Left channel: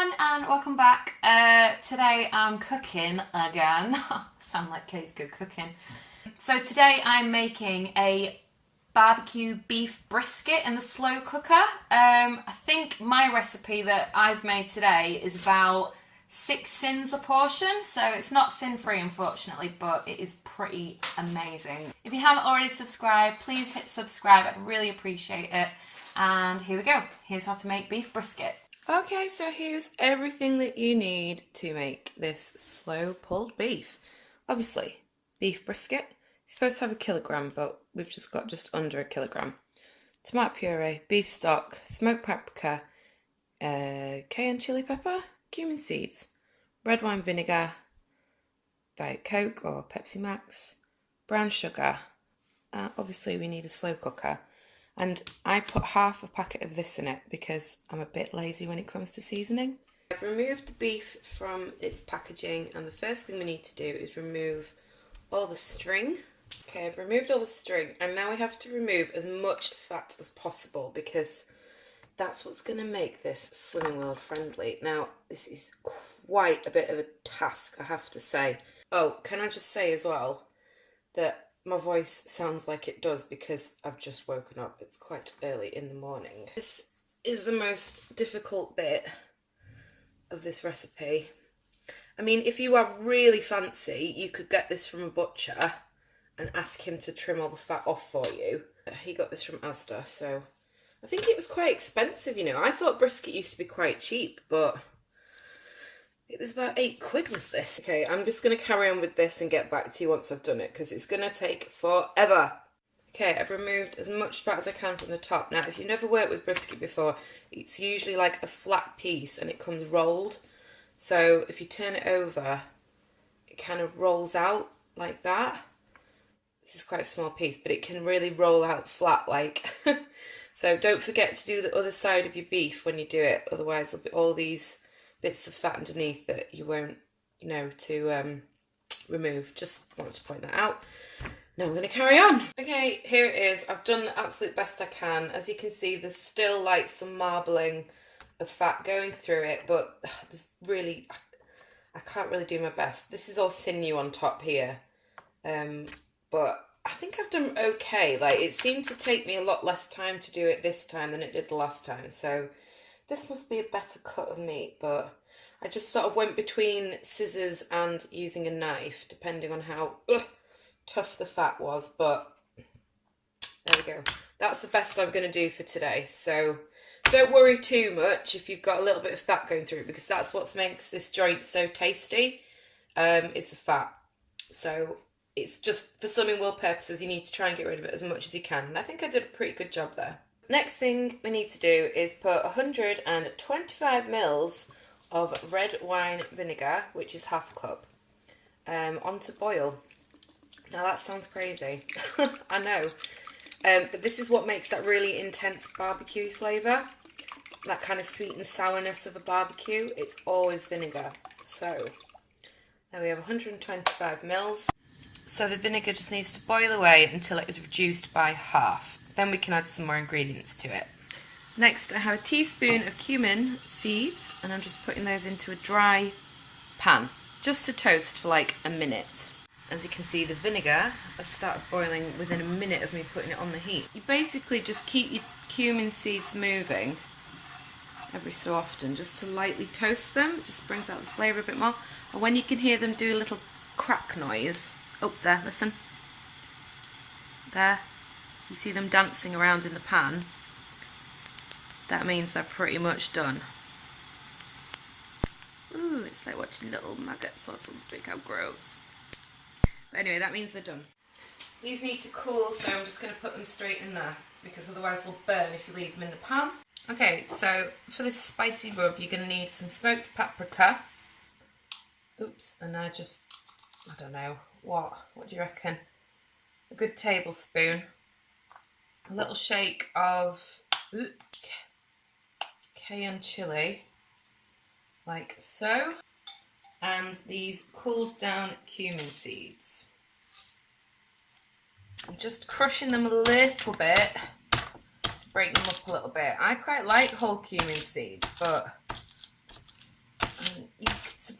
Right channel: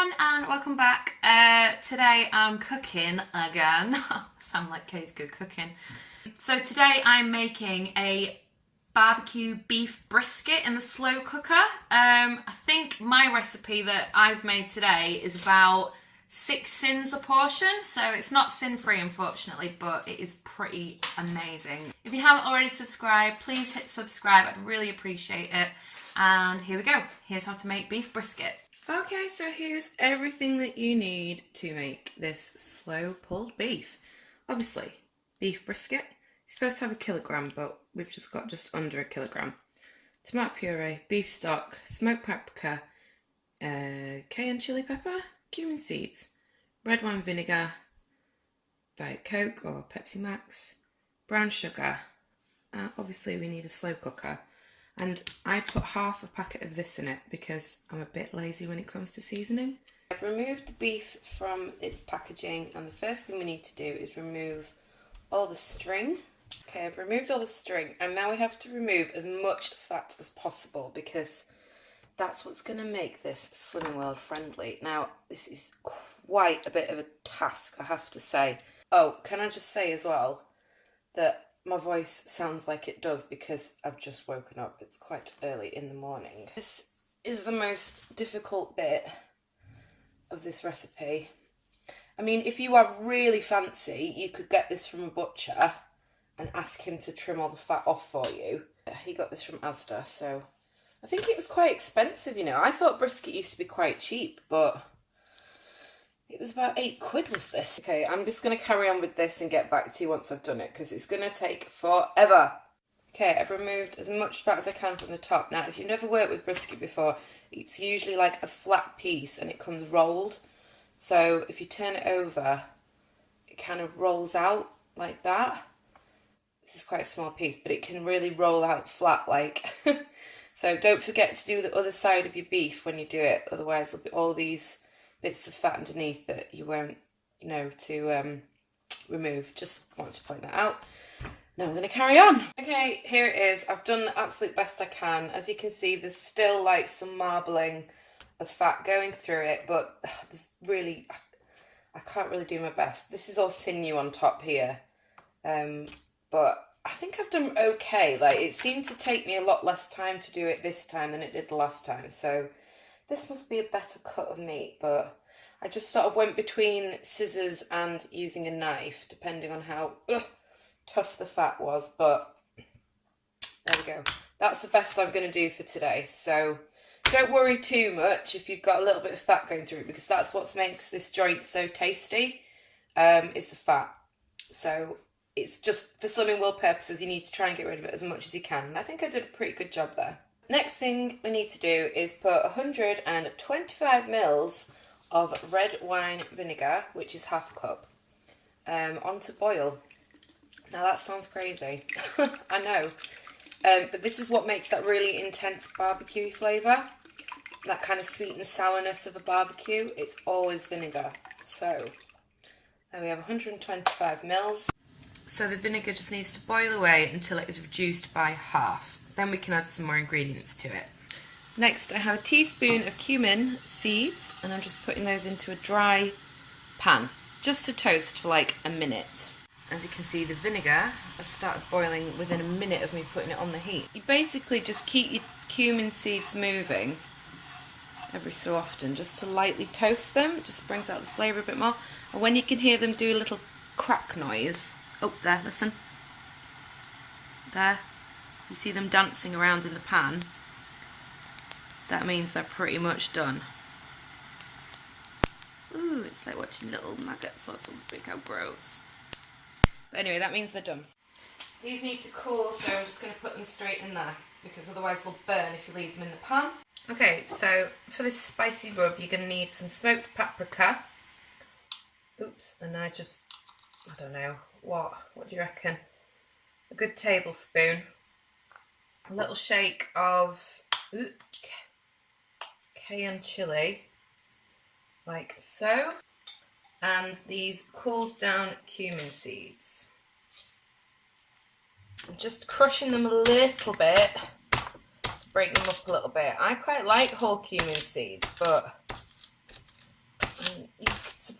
everyone and welcome back. Today I'm cooking again. Sound like Kay's good cooking. So today I'm making a barbecue beef brisket in the slow cooker. I think my recipe that I've made today is about 6 sins a portion, so it's not sin-free unfortunately, but it is pretty amazing. If you haven't already subscribed, please hit subscribe, I'd really appreciate it. And here we go, here's how to make beef brisket. Okay, so here's everything that you need to make this slow pulled beef. Obviously, beef brisket, it's supposed to have 1 kilogram, but we've just got just under 1 kilogram. Tomato puree, beef stock, smoked paprika, cayenne chili pepper, cumin seeds, red wine vinegar, Diet Coke or Pepsi Max, brown sugar. Obviously we need a slow cooker. And I put half a packet of this in it because I'm a bit lazy when it comes to seasoning. I've removed the beef from its packaging, and the first thing we need to do is remove all the string. Okay, I've removed all the string, and now we have to remove as much fat as possible because that's what's going to make this Slimming World friendly. Now, this is quite a bit of a task, I have to say. Oh, can I just say as well that my voice sounds like it does because I've just woken up. It's quite early in the morning. This is the most difficult bit of this recipe. I mean, if you are really fancy, you could get this from a butcher and ask him to trim all the fat off for you. He got this from Asda, so I think it was quite expensive, you know. I thought brisket used to be quite cheap, but it was about £8 was this. Okay, I'm just going to carry on with this and get back to you once I've done it because it's going to take forever. Okay, I've removed as much fat as I can from the top. Now, if you've never worked with brisket before, it's usually like a flat piece and it comes rolled. So if you turn it over, it kind of rolls out like that. This is quite a small piece, but it can really roll out flat like. So don't forget to do the other side of your beef when you do it. Otherwise, there'll be all these bits of fat underneath that you won't know to remove. Just wanted to point that out. Now I'm going to carry on. Okay, here it is. I've done the absolute best I can. As you can see, there's still like some marbling of fat going through it, but there's really, I can't really do my best. This is all sinew on top here, but I think I've done okay. Like, it seemed to take me a lot less time to do it this time than it did the last time, so this must be a better cut of meat, but I just sort of went between scissors and using a knife, depending on how tough the fat was, but there we go. That's the best I'm going to do for today, so don't worry too much if you've got a little bit of fat going through it, because that's what makes this joint so tasty, is the fat. So it's just, for Slimming World purposes, you need to try and get rid of it as much as you can, and I think I did a pretty good job there. Next thing we need to do is put 125 mils of red wine vinegar, which is half a cup, onto boil. Now that sounds crazy, I know, but this is what makes that really intense barbecue flavour, that kind of sweet and sourness of a barbecue. It's always vinegar. So now we have 125 mils. So the vinegar just needs to boil away until it is reduced by half. Then we can add some more ingredients to it. Next, I have a teaspoon of cumin seeds, and I'm just putting those into a dry pan, just to toast for like a minute. As you can see, the vinegar has started boiling within a minute of me putting it on the heat. You basically just keep your cumin seeds moving every so often, just to lightly toast them. It just brings out the flavour a bit more. And when you can hear them do a little crack noise, oh, there, listen. There. You see them dancing around in the pan. That means they're pretty much done. Ooh, it's like watching little maggots or something. How gross. But anyway, that means they're done. These need to cool, so I'm just going to put them straight in there, because otherwise they'll burn if you leave them in the pan. Okay, so for this spicy rub, you're going to need some smoked paprika. Oops, and I don't know, what do you reckon? A good tablespoon. A little shake of cayenne chili, like so, and these cooled down cumin seeds. I'm just crushing them a little bit to break them up a little bit. I quite like whole cumin seeds, but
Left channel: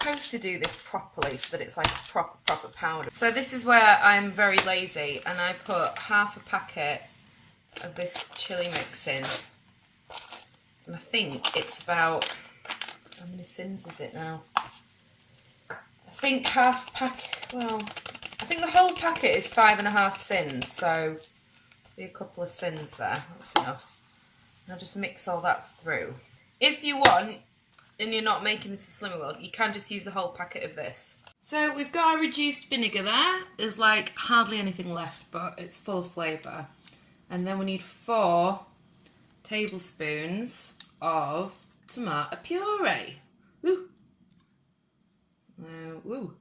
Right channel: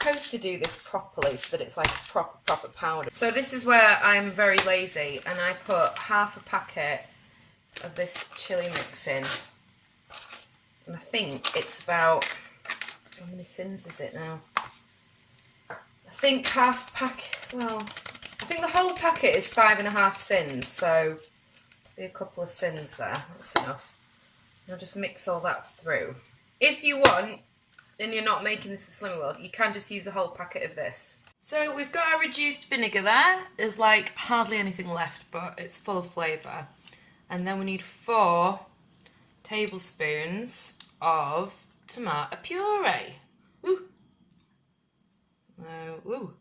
supposed to do this properly so that it's like a proper powder. So this is where I'm very lazy, and I put half a packet of this chili mix in. And I think it's about, how many sins is it now? I think half a packet, well, I think the whole packet is 5.5 sins, so be a couple of sins there, that's enough. And I'll just mix all that through. If you want, and you're not making this for Slimmer World, you can just use a whole packet of this. So we've got our reduced vinegar there. There's like hardly anything left, but it's full of flavour. And then we need 4 tablespoons of tomato puree. Woo! Woo!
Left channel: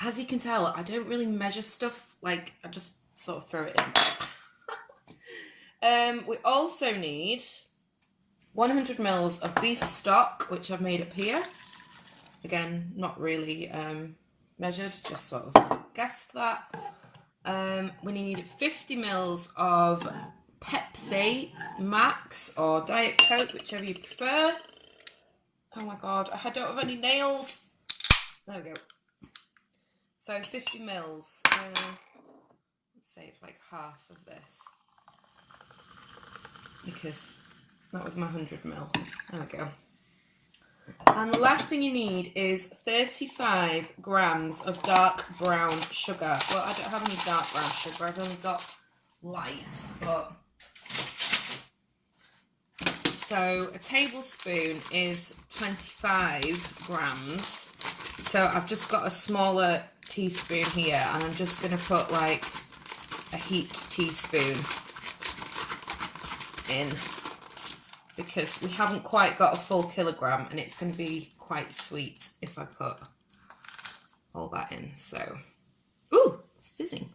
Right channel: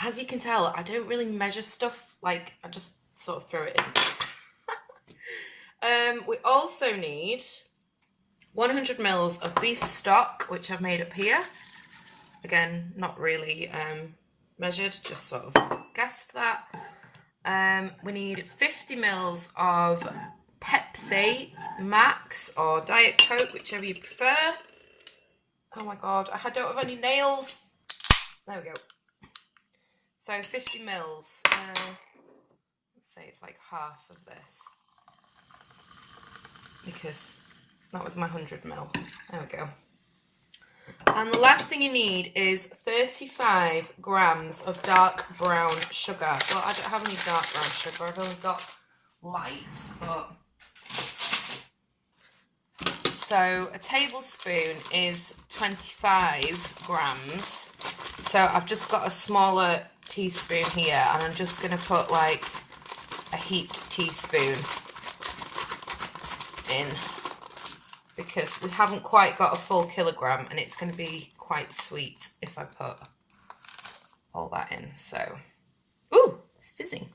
As you can tell, I don't really measure stuff, like I just sort of throw it in. We also need 100 mils of beef stock, which I've made up here. Again, not really measured, just sort of guessed that. We need 50 mils of Pepsi Max or Diet Coke, whichever you prefer. Oh my god, I don't have any nails. There we go. So 50 mils. Let's say it's like half of this, because that was my 100 mil. There we go. And the last thing you need is 35 grams of dark brown sugar. Well, I don't have any dark brown sugar. I've only got light, but... So a tablespoon is 25 grams. So I've just got a smaller teaspoon here, and I'm just going to put like a heaped teaspoon in, because we haven't quite got a full kilogram, and it's going to be quite sweet if I put all that in. So, ooh, it's fizzing.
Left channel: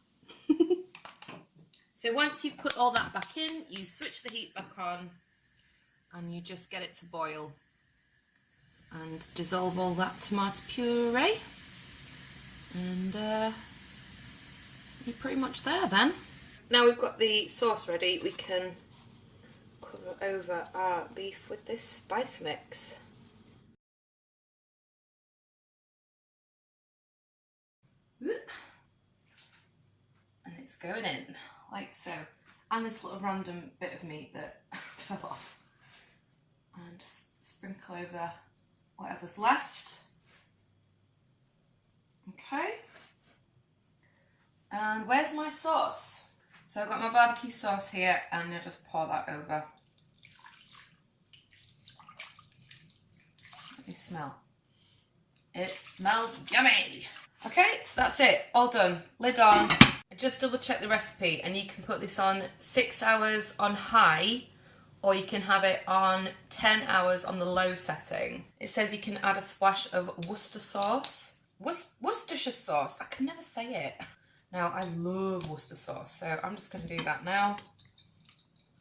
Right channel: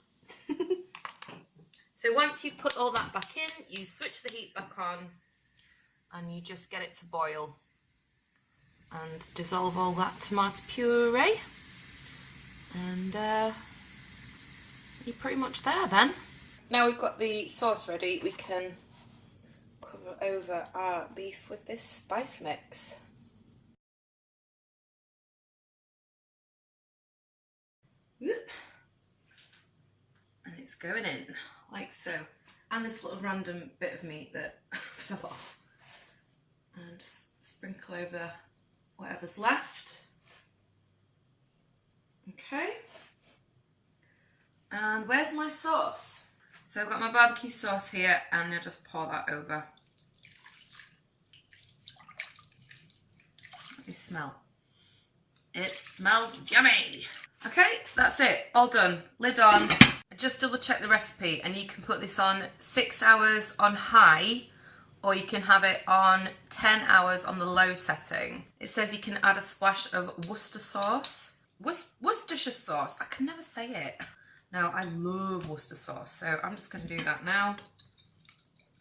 So once you've put all that back in, you switch the heat back on, and you just get it to boil and dissolve all that tomato puree, and you're pretty much there then. Now we've got the sauce ready, we can cover over our beef with this spice mix. And it's going in like so, and this little random bit of meat that fell off, and just sprinkle over whatever's left. Okay, and where's my sauce? So I've got my barbecue sauce here, and I'll just pour that over. Let me smell. It smells yummy. Okay, that's it, all done. Lid on. Just double check the recipe, and you can put this on 6 hours on high, or you can have it on 10 hours on the low setting. It says you can add a splash of Worcester sauce. Worcestershire sauce, I can never say it. Now, I love Worcester sauce, so I'm just going to do that now.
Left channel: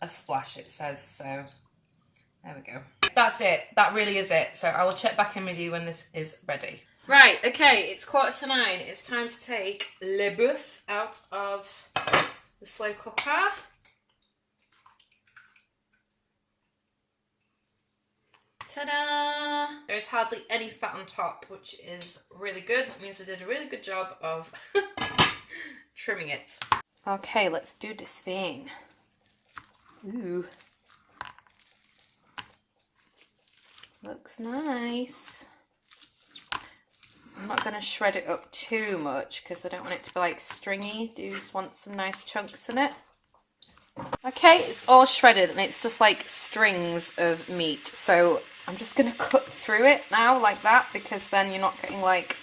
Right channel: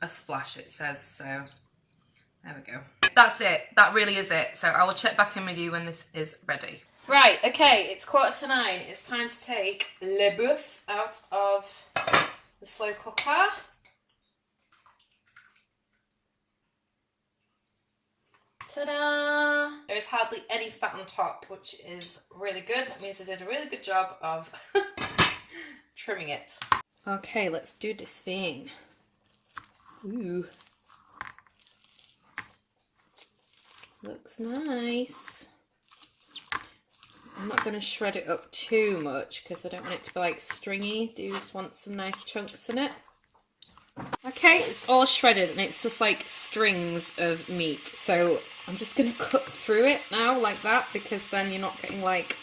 A splash, it says, so there we go. That's it, that really is it. So I will check back in with you when this is ready. Right, okay, it's 9:15. It's time to take le boeuf out of the slow cooker. Ta-da! There is hardly any fat on top, which is really good. That means I did a really good job of trimming it. Okay, let's do this thing. Ooh. Looks nice. I'm not going to shred it up too much because I don't want it to be like stringy. Do just want some nice chunks in it. Okay, it's all shredded and it's just like strings of meat. So I'm just going to cut through it now like that, because then you're not getting like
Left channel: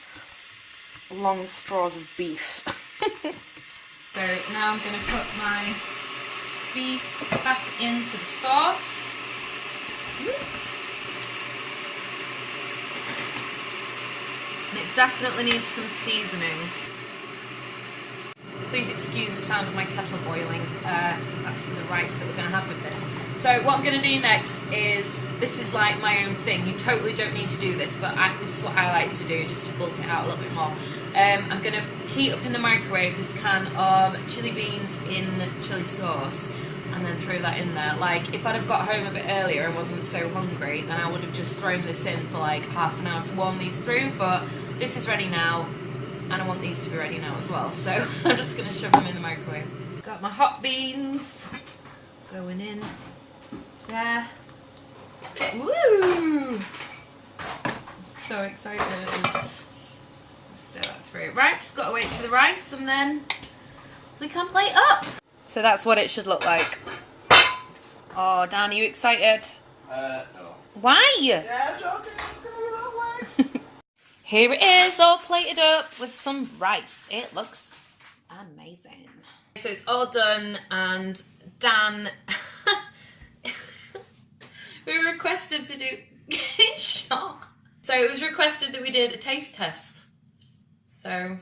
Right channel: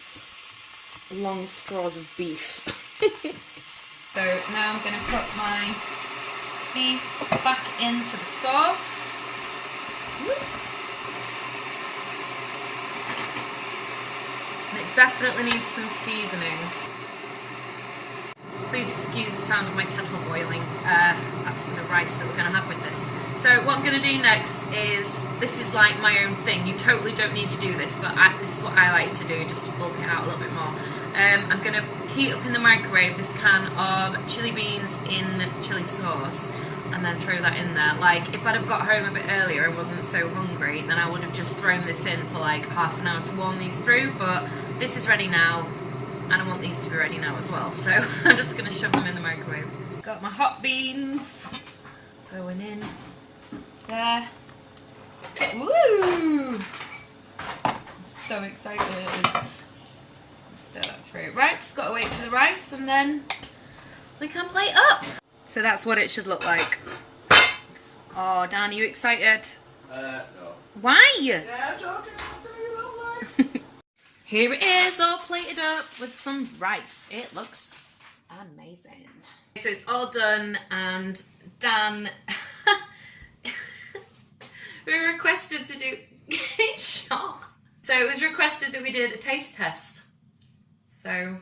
long straws of beef. So now I'm going to put my beef back into the sauce. Woo. And it definitely needs some seasoning. Please excuse the sound of my kettle boiling. That's for the rice that we're going to have with this. So what I'm going to do next is, this is like my own thing. You totally don't need to do this, but this is what I like to do, just to bulk it out a little bit more. I'm going to heat up in the microwave this can of chili beans in chili sauce. and then throw that in there. Like, if I'd have got home a bit earlier and wasn't so hungry, then I would have just thrown this in for like half an hour to warm these through, but this is ready now, and I want these to be ready now as well, so I'm just going to shove them in the microwave. Got my hot beans going in there. Woo! I'm so excited. Stir that through. Right, just got to wait for the rice and then we can plate up. So that's what it should look like. Oh, Dan, are you excited? No. Why? Yeah, I'm joking. It's gonna be lovely. Here it is, all plated up with some rice. It looks amazing. So it's all done, and Dan, we were requested to do getting shot. So it was requested that we did a taste test. So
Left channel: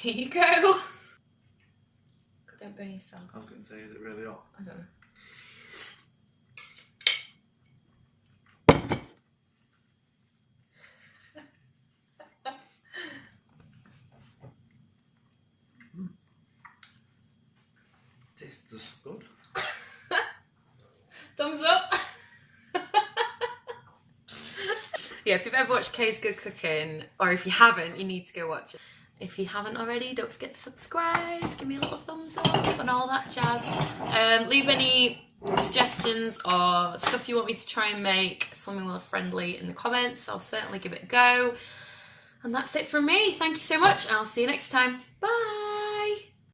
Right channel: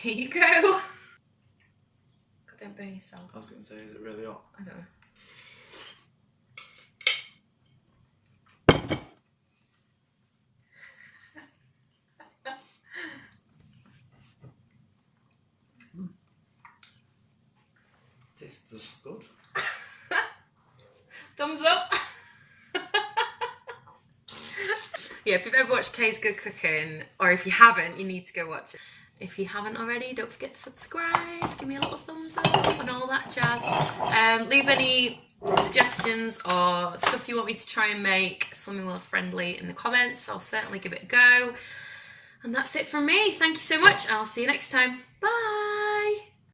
here you go. God, don't burn yourself. I was going to say, is it really hot? I don't know. Tastes good. Thumbs up. Yeah, if you've ever watched Kay's Good Cooking, or if you haven't, you need to go watch it. If you haven't already, don't forget to subscribe, give me a little thumbs up and all that jazz. Leave any suggestions or stuff you want me to try and make, something more friendly, in the comments. I'll certainly give it a go. And that's it from me. Thank you so much. I'll see you next time. Bye.